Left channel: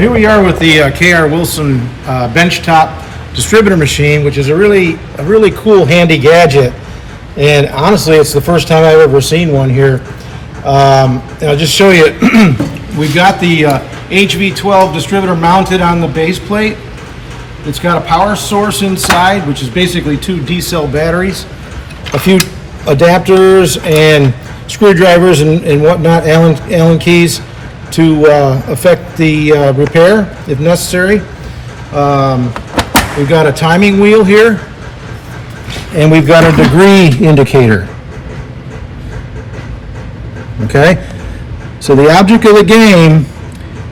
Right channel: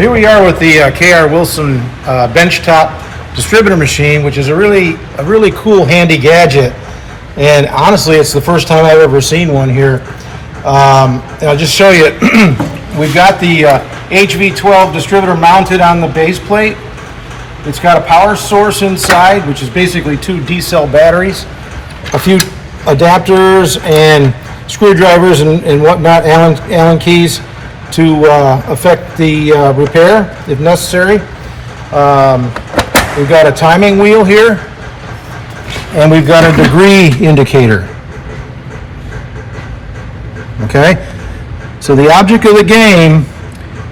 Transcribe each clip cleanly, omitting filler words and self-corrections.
here we are with the KR Wilson benchtop distributor machine, which is a really cool, handy gadget. And honestly, it's the first time I've ever seen one here. And I'll just show you. We've got the HV-12 distributor mounted on the base plate. It's got a power source inside, which is basically 2 D-cell batteries, a few adapters and screwdrivers and whatnot, Allen keys to affect the repair if necessary. We've got a timing wheel here, and we've got a degree indicator. Okay, so the object of the game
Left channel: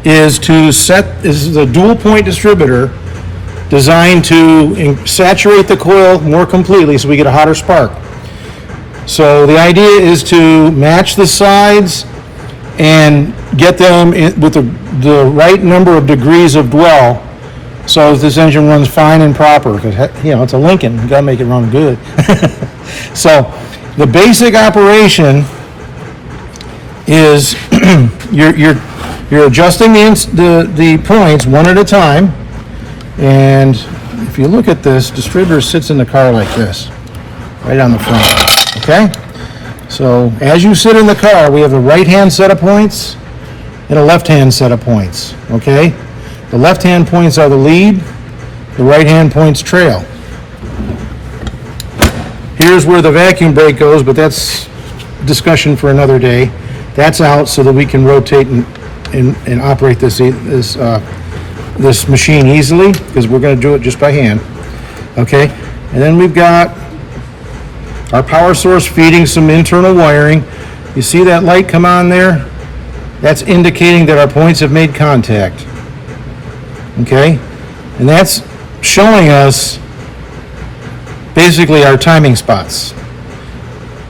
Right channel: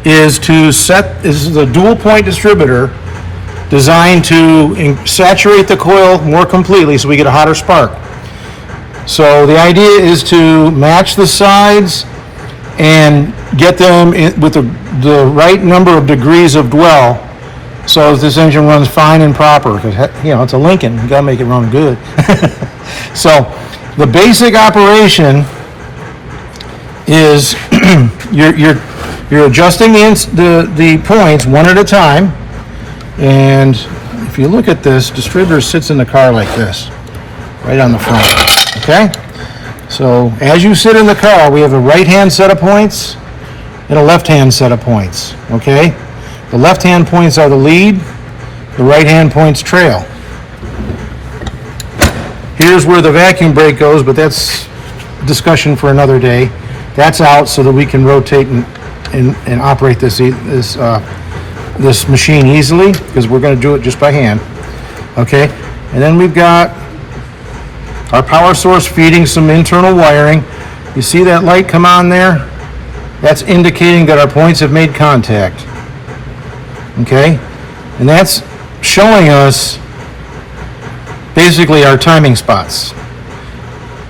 is to this is a dual point distributor designed to saturate the coil more completely so we get a hotter spark. So the idea is to match the sides and get them with the right number of degrees of dwell so that this engine runs fine and proper, because it's a Lincoln, you gotta make it run good. So the basic operation is you're adjusting the points one at a time. And if you look at this, distributor sits in the car like this, right on the front, okay? So as you sit in the car, we have a right-hand set of points and a left-hand set of points, okay? The left-hand points are the lead, the right-hand points trail. Here's where the vacuum brake goes, but that's discussion for another day. That's out so that we can rotate and operate this machine easily, because we're going to do it just by hand, okay? And then we've got our power source feeding some internal wiring. You see that light come on there? That's indicating that our points have made contact, okay? And that's showing us basically our timing spots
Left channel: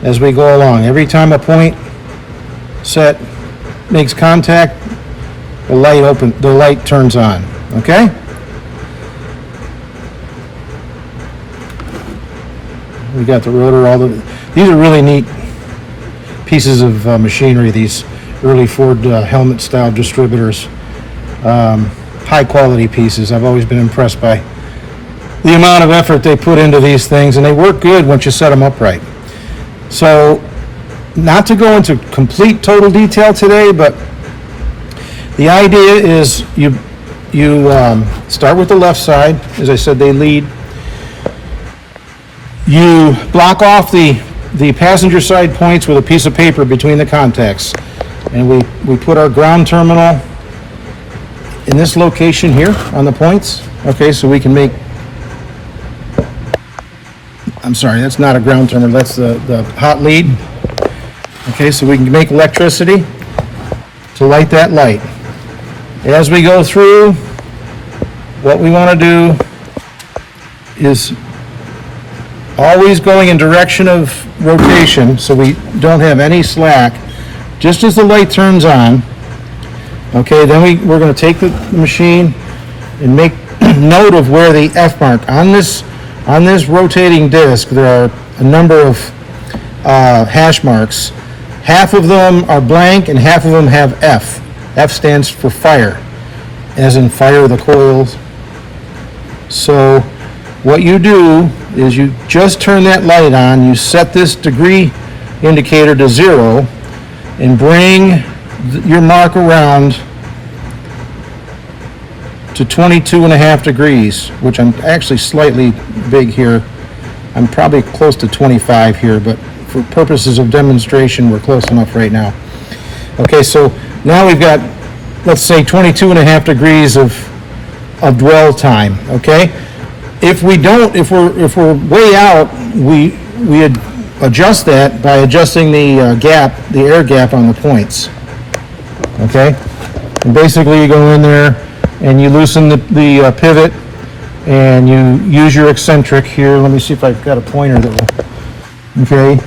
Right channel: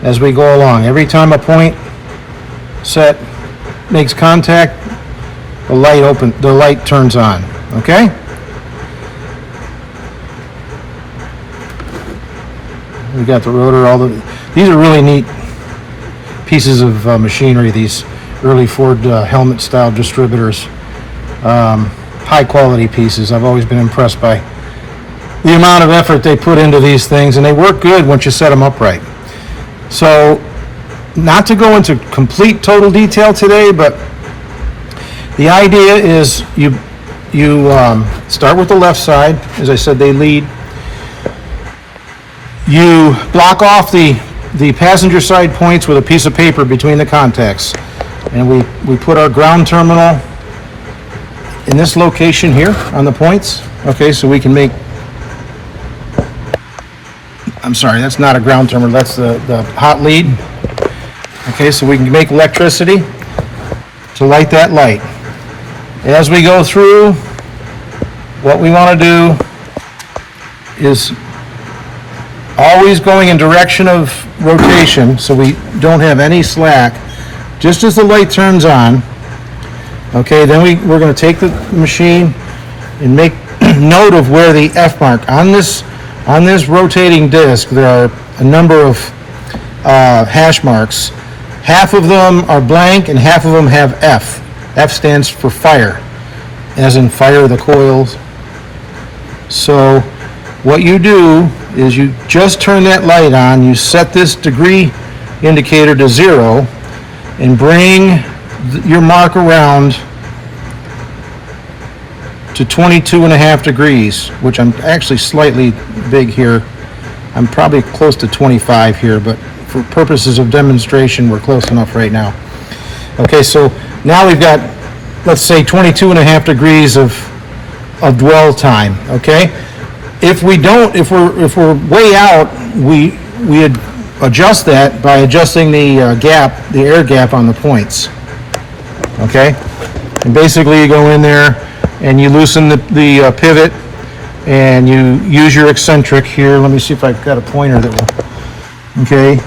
as we go along. Every time a point set makes contact, the light turns on, okay? We got the rotor, these are really neat pieces of machinery, these early Ford helmet style distributors. High quality pieces. I've always been impressed by the amount of effort they put into these things, and they work good once you set them up right. So, not to go into complete total detail today, but the idea is you start with the left side. As I said, they lead. You block off the passenger side points with a piece of paper between the contacts, and we put our ground terminal in this location here on the points. Okay, so we can make, I'm sorry, that's not a ground terminal, that's the hot lead. Okay, so we can make electricity to light that light. As we go through, what we want to do is always going in direction of rotation so we don't have any slack. Just as the light turns on, okay, then we're going to take the machine and make note of where the F mark on this rotating disc. There are a number of hash marks. Half of them are blank and half of them have F. F stands for fire, as in fire the coils. So what you do is you just turn that light on, you set this degree indicator to 0, and bring your mark around to 22.5 degrees, which I'm actually slightly big here. I'm probably close to 25 here, but for purposes of demonstration, we're close enough right now. Okay, so now we've got, let's say, 22.5 degrees of dwell time, okay? If we're way out, we adjust that by adjusting the air gap on the points, okay? And basically you go in there and you loosen the pivot and you use your eccentric here. Let me see if I've got a pointer that will, okay?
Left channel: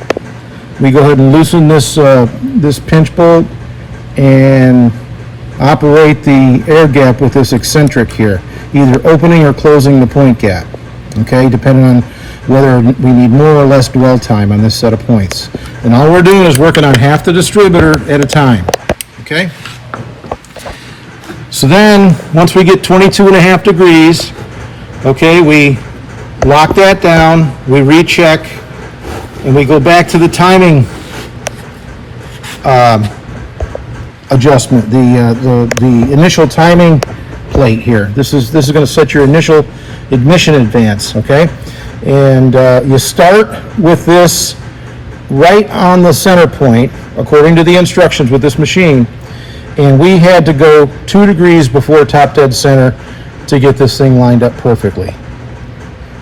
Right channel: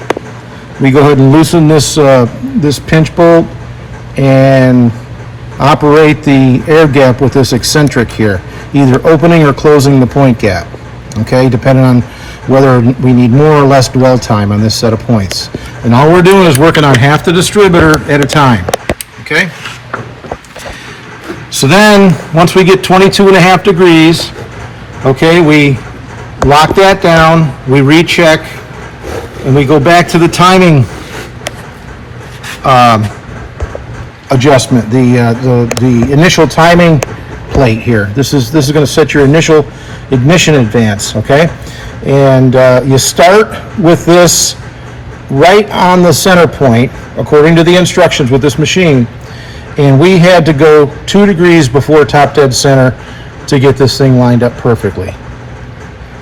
We go ahead and loosen this pinch bolt and operate the air gap with this eccentric here, either opening or closing the point gap, okay, depending on whether we need more or less dwell time on this set of points. And all we're doing is working on half the distributor at a time, okay? So then, once we get 22.5 degrees, okay, we lock that down, we recheck, and we go back to the timing adjustment, the initial timing plate here. This is going to set your initial ignition advance, okay? And you start with this right on the center point, according to the instructions with this machine, and we had to go 2 degrees before top dead center to get this thing lined up perfectly,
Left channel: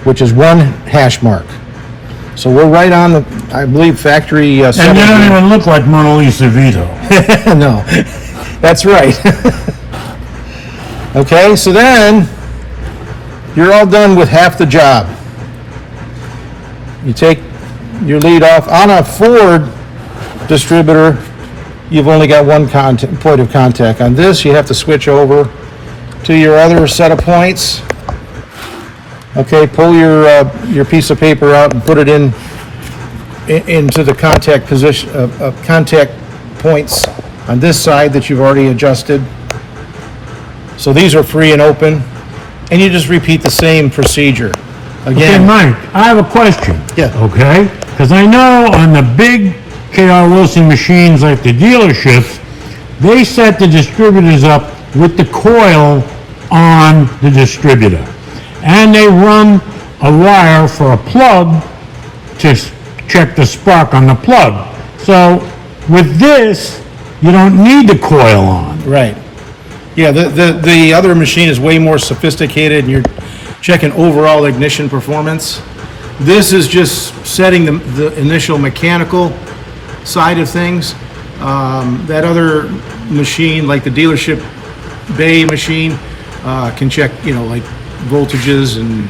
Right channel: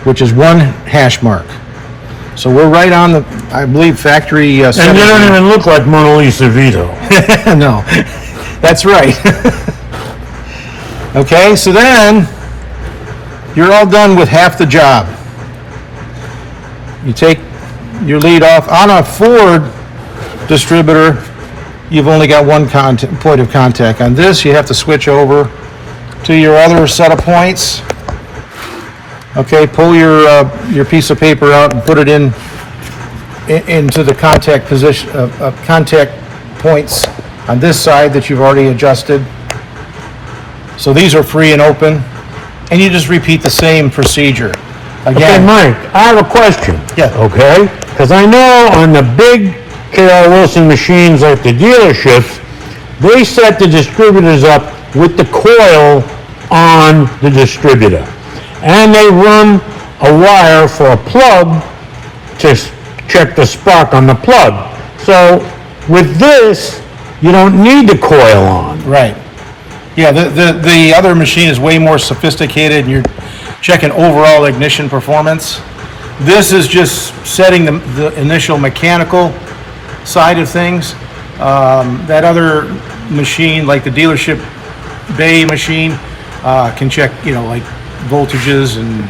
which is 1 hash mark. So we're right on the, I believe, factory. And you don't even look like Mona Lisa Vito. No, that's right. Okay, so then you're all done with half the job. You take your lead off. On a Ford distributor, you've only got 1 point of contact. On this, you have to switch over to your other set of points. Okay, pull your piece of paper out and put it into the contact position, contact points on this side that you've already adjusted. So these are free and open, and you just repeat the same procedure. Again, Okay, Mike, I have a question. Yeah. Okay? Because I know on the big K.R. Wilson machines like the dealerships, they set the distributors up with the coil on the distributor. And they run a wire for a plug to check the spark on the plug. So with this, you don't need the coil on. right. Yeah, the other machine is way more sophisticated, and you're checking overall ignition performance. This is just setting the initial mechanical side of things. That other machine, like the dealership bay machine, can check, like voltages and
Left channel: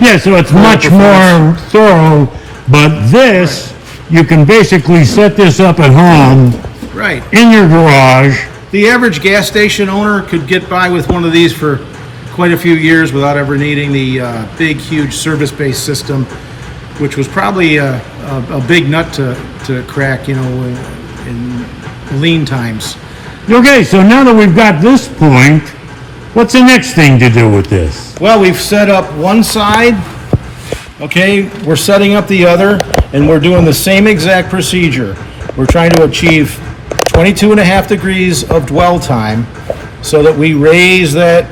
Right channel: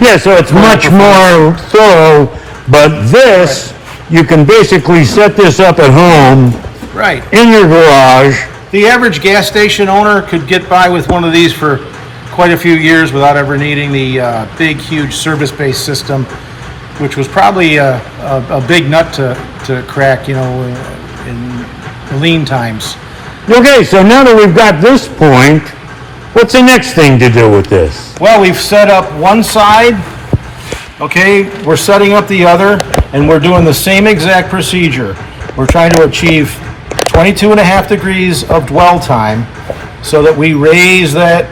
Yeah, so it's much more thorough, but this, you can basically set this up at home right. in your garage. The average gas station owner could get by with one of these for quite a few years without ever needing the big, huge service-based system, which was probably a big nut to crack, in lean times. Okay, so now that we've got this point, what's the next thing to do with this? Well, we've set up one side, okay, we're setting up the other, and we're doing the same exact procedure. We're trying to achieve 22.5 degrees of dwell time so that we raise that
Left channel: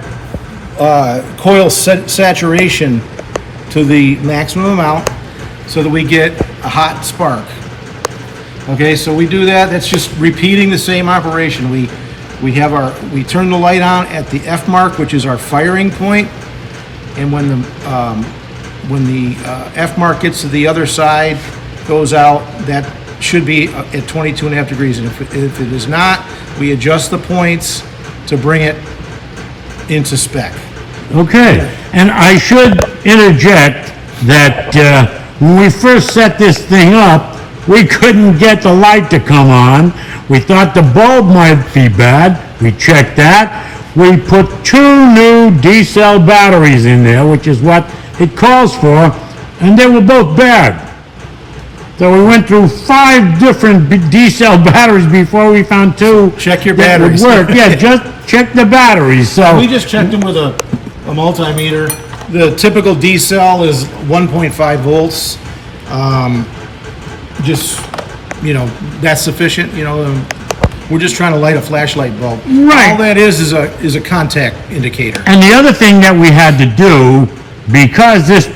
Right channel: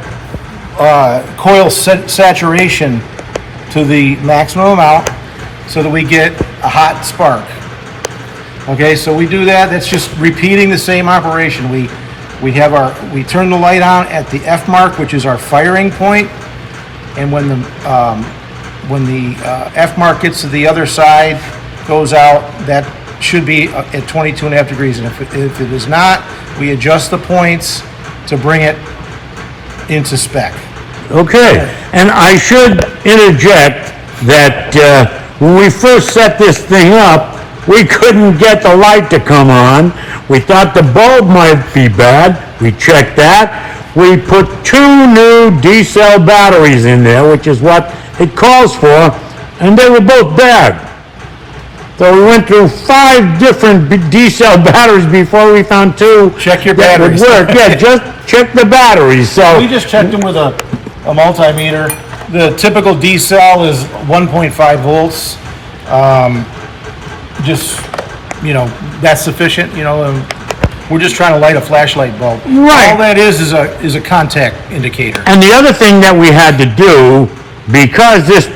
coil saturation to the maximum amount so that we get a hot spark. Okay, so we do that. That's just repeating the same operation. We turn the light on at the F mark, which is our firing point, and when the F mark gets to the other side, goes out, that should be at 22.5 degrees. And if it is not, we adjust the points to bring it into spec. Okay, and I should interject that when we first set this thing up, we couldn't get the light to come on. We thought the bulb might be bad. We checked that. We put 2 new D-cell batteries in there, which is what it calls for, and they were both bad. So we went through 5 different D-cell batteries before we found 2. Check your that batteries. would work. Yeah, just check the batteries. So We just checked them with a multimeter. The typical D cell is 1.5 volts. That's sufficient. We're just trying to light a flashlight bulb. Right. All that is a contact indicator. And the other thing that we had to do, because this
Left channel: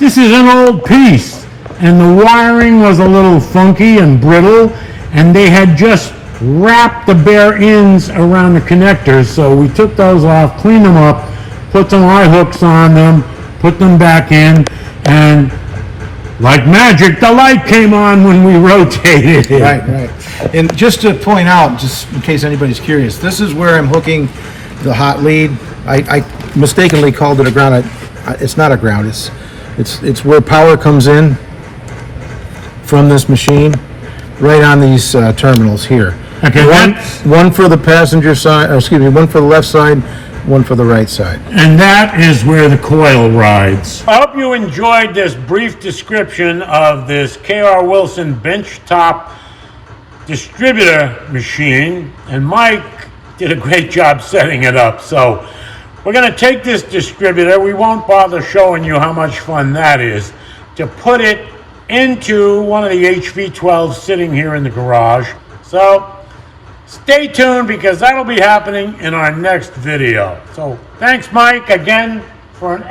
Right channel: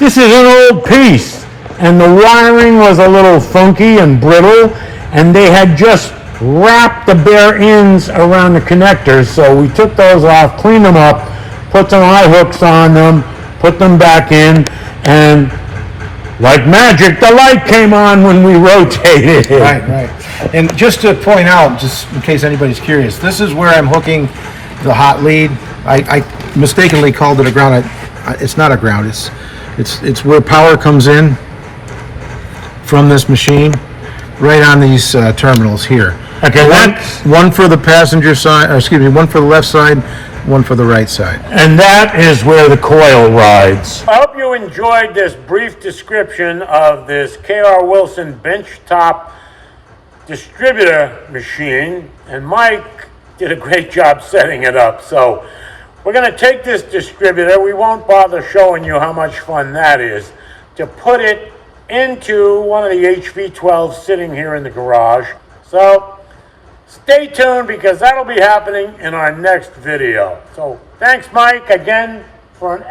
is an old piece, and the wiring was a little funky and brittle, and they had just wrapped the bare ends around the connectors, so we took those off, cleaned them up, put some eye hooks on them, put them back in, and like magic, the light came on when we rotated. Right. And just to point out, just in case anybody's curious, this is where I'm hooking the hot lead. I mistakenly called it a ground. It's not a ground. It's where power comes in from this machine, right on these terminals here. Okay, that's one for the passenger side, one for the left side, one for the right side. And that is where the coil rides. I hope you enjoyed this brief description of this K.R. Wilson benchtop distributor machine. And Mike did a great job setting it up. So we're going to take this distributor. We won't bother showing you how much fun that is, to put it into one of the HV-12s sitting here in the garage. So stay tuned, because that'll be happening in our next video. So thanks, Mike, again for an